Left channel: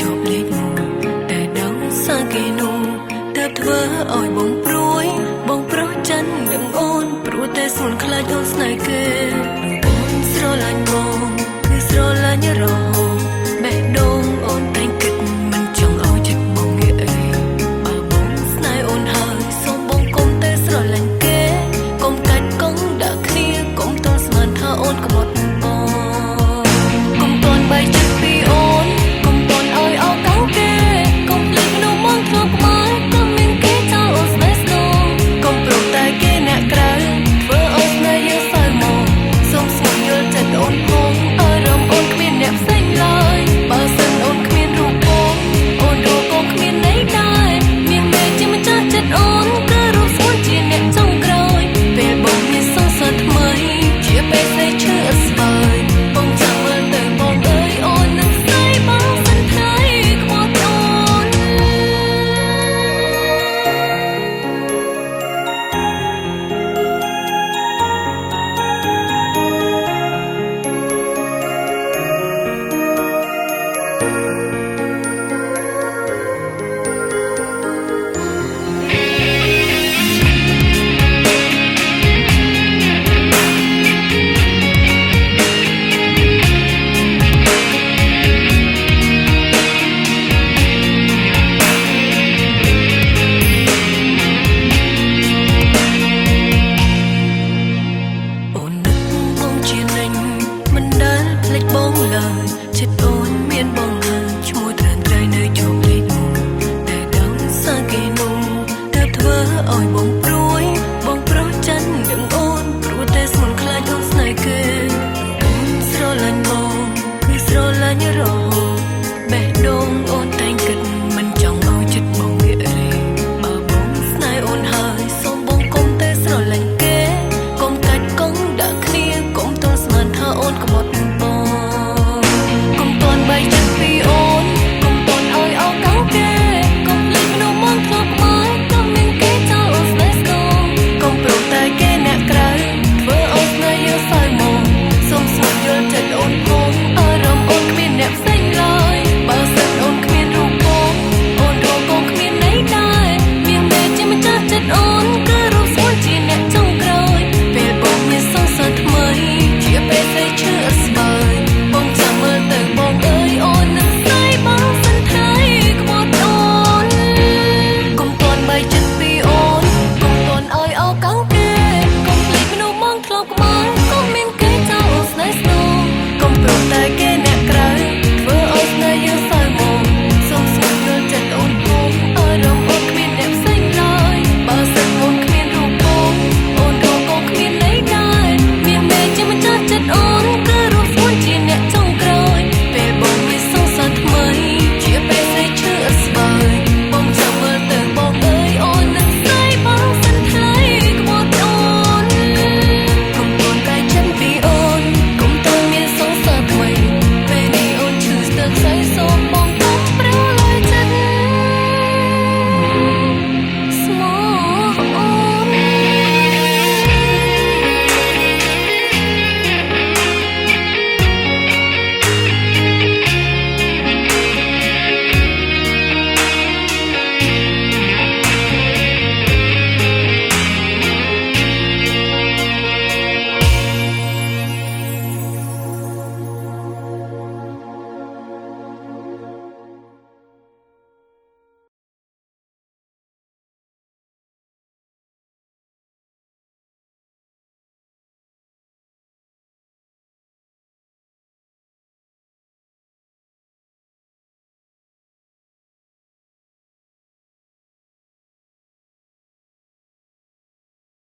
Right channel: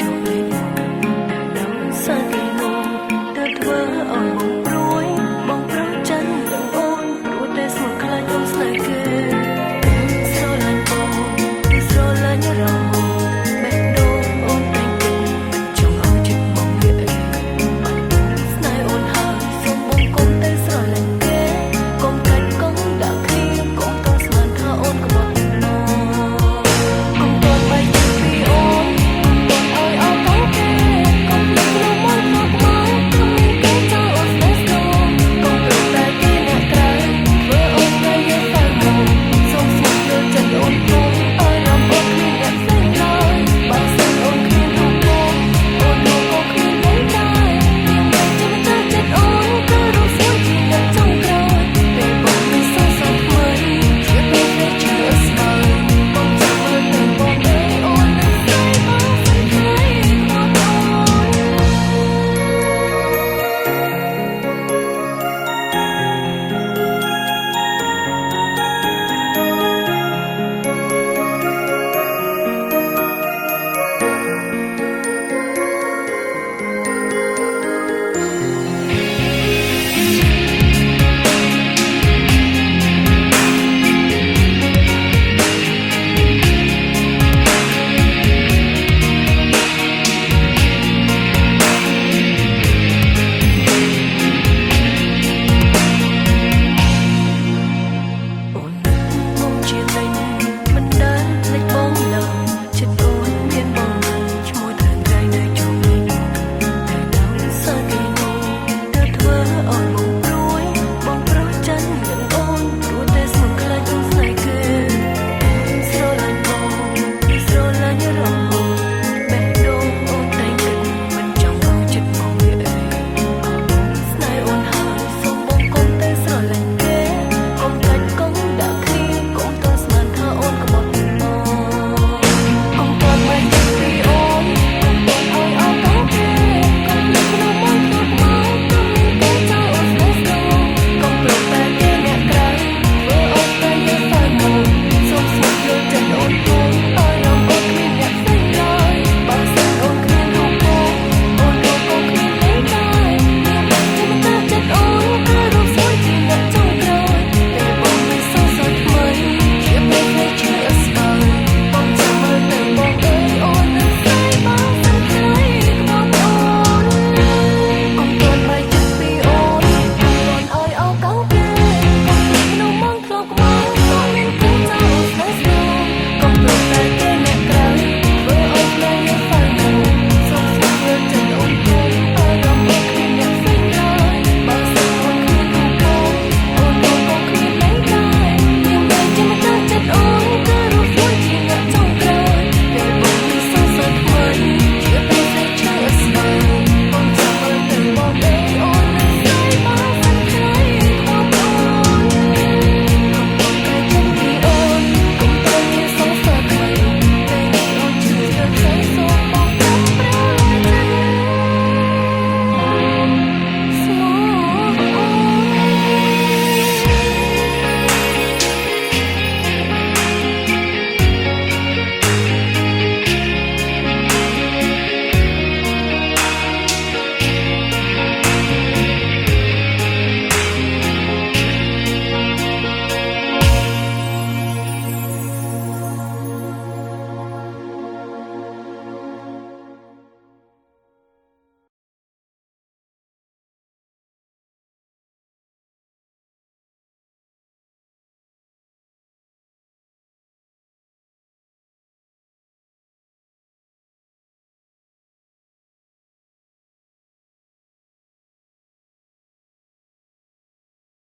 ជាប់លេខ1តែដឹងសាគេនោះទើបធ្វើឲ្យបងព្រួយបងប្រុសចិននឹងអូនព្រោះតែស្មុនខ្លាចអូនស្នេហ៍គេអូនស្រឡាញ់បងគឺស្រឡាញ់រហូតបេះដូងអូនតែងគិតមិនចង់ឲ្យចិត្តបងងាកអីបើបងស្នេហ៍អូនហើយសូមបងកុំតែស្រឡាញ់គេកុំកាច់កង់ដាក់គ្នាកុំតន់ស្មានថាអូនក្បត់មកកុំតន់បែកចិត្តពីអូនកុំតន់ឲ្យអោកង់គេកុំភ្លេចមនុស្សមកធ្វើក្បាលកុំមានគេចោលអូនស្នេហ៍ស្នងកុំប្រំតែគេអ្នកក្រៅធ្វើអូនស្នេហ៍យើងសៅមកសូមស្ងួនយល់ចិត្តអូនផងអារម្មណ៍អូនគ្មានអ្នកផ្សេងឡើយបើសិនអូនគ្មានរូបបងអូនរកក៏គ្មានន័យដែរមានតែជាម្ចាស់ចិត្តអូនគឺរូបស្មួយជាអ្នកចុងក្រោយពេលបងមានសង្សារថ្មីជាពេលស្រីឈឺអស្បើយបងចាំមើលទៅបងអើយអូននឹងស្រីបងសិនថ្ងៃក្បត់អូនមិនដែលភ្លេចបងឡើយចិត្តអូនមានបងហើយឈ្មោះត្រែនត្រៃនៅជាប់លេខ1តែដឹងសាគេនោះទើបធ្វើឲ្យបងព្រួយបងប្រុសចិននឹងអូនព្រោះតែស្មុនខ្លាចអូនស្នេហ៍គេអូនស្រឡាញ់បងគឺស្រឡាញ់រហូតបេះដូងអូនតែងគិតមិនចង់ឲ្យចិត្តបងងាករេបើបងស្នេហ៍អូនហើយសូមបងកុំតែស្រឡាញ់គេកុំកាច់កង់ដាក់គ្នាកុំតន់ស្មានថាអូនក្បត់បងកុំតន់បែកចិត្តពីអូនកុំតន់ឲ្យអោកង់គេកុំភ្លេចមនុស្សមកធ្វើក្បាលកុំមានគេចោលអូនស្នេហ៍ស្នងកុំប្រំតែគេអ្នកក្រៅធ្វើអូនស្នេហ៍យើងសៅមកសូមស្ងួនយល់ចិត្តអូនផងអារម្មណ៍អូនគ្មានអ្នកផ្សេងឡើយបើសិនអូនគ្មានរូបបងអូនរកក៏គ្មានន័យដែរមានតែជាម្ចាស់ចិត្តអូនគឺរូបស្មួយជាអ្នកចុងក្រោយពេលបងមានសង្សារថ្មីជាពេលស្រីឈឺអស្បើយបងចាំមើលទៅបងអើយអូននឹងស្រីបងសិនថ្ងៃក្បត់អូនកុំតន់បែកចិត្តពីអូនកុំតន់ឲ្យអោកង់គេកុំភ្លេចមនុស្សមកធ្លាប់ក្បាលកុំមានគេចោលអូនស្នេហ៍ស្នងកុំប្រំតែគេអ្នកក្រៅធ្វើឲ្យស្នេហ៍យើងសៅមកសូមស្ងួនយល់ចិត្តអូនផងអារម្មណ៍អូនគ្មានអ្នកផ្សេងឡើយបើសិនអូនគ្មានរូបបងអូនរកក៏គ្មានន័យដែរមានតែជាម្ចាស់ចិត្តអូនគឺរូបស្មួយជាអ្នកចុងក្រោយពេលបងមានសង្សារថ្មីជាពេលស្រីឈឺអស្បើយ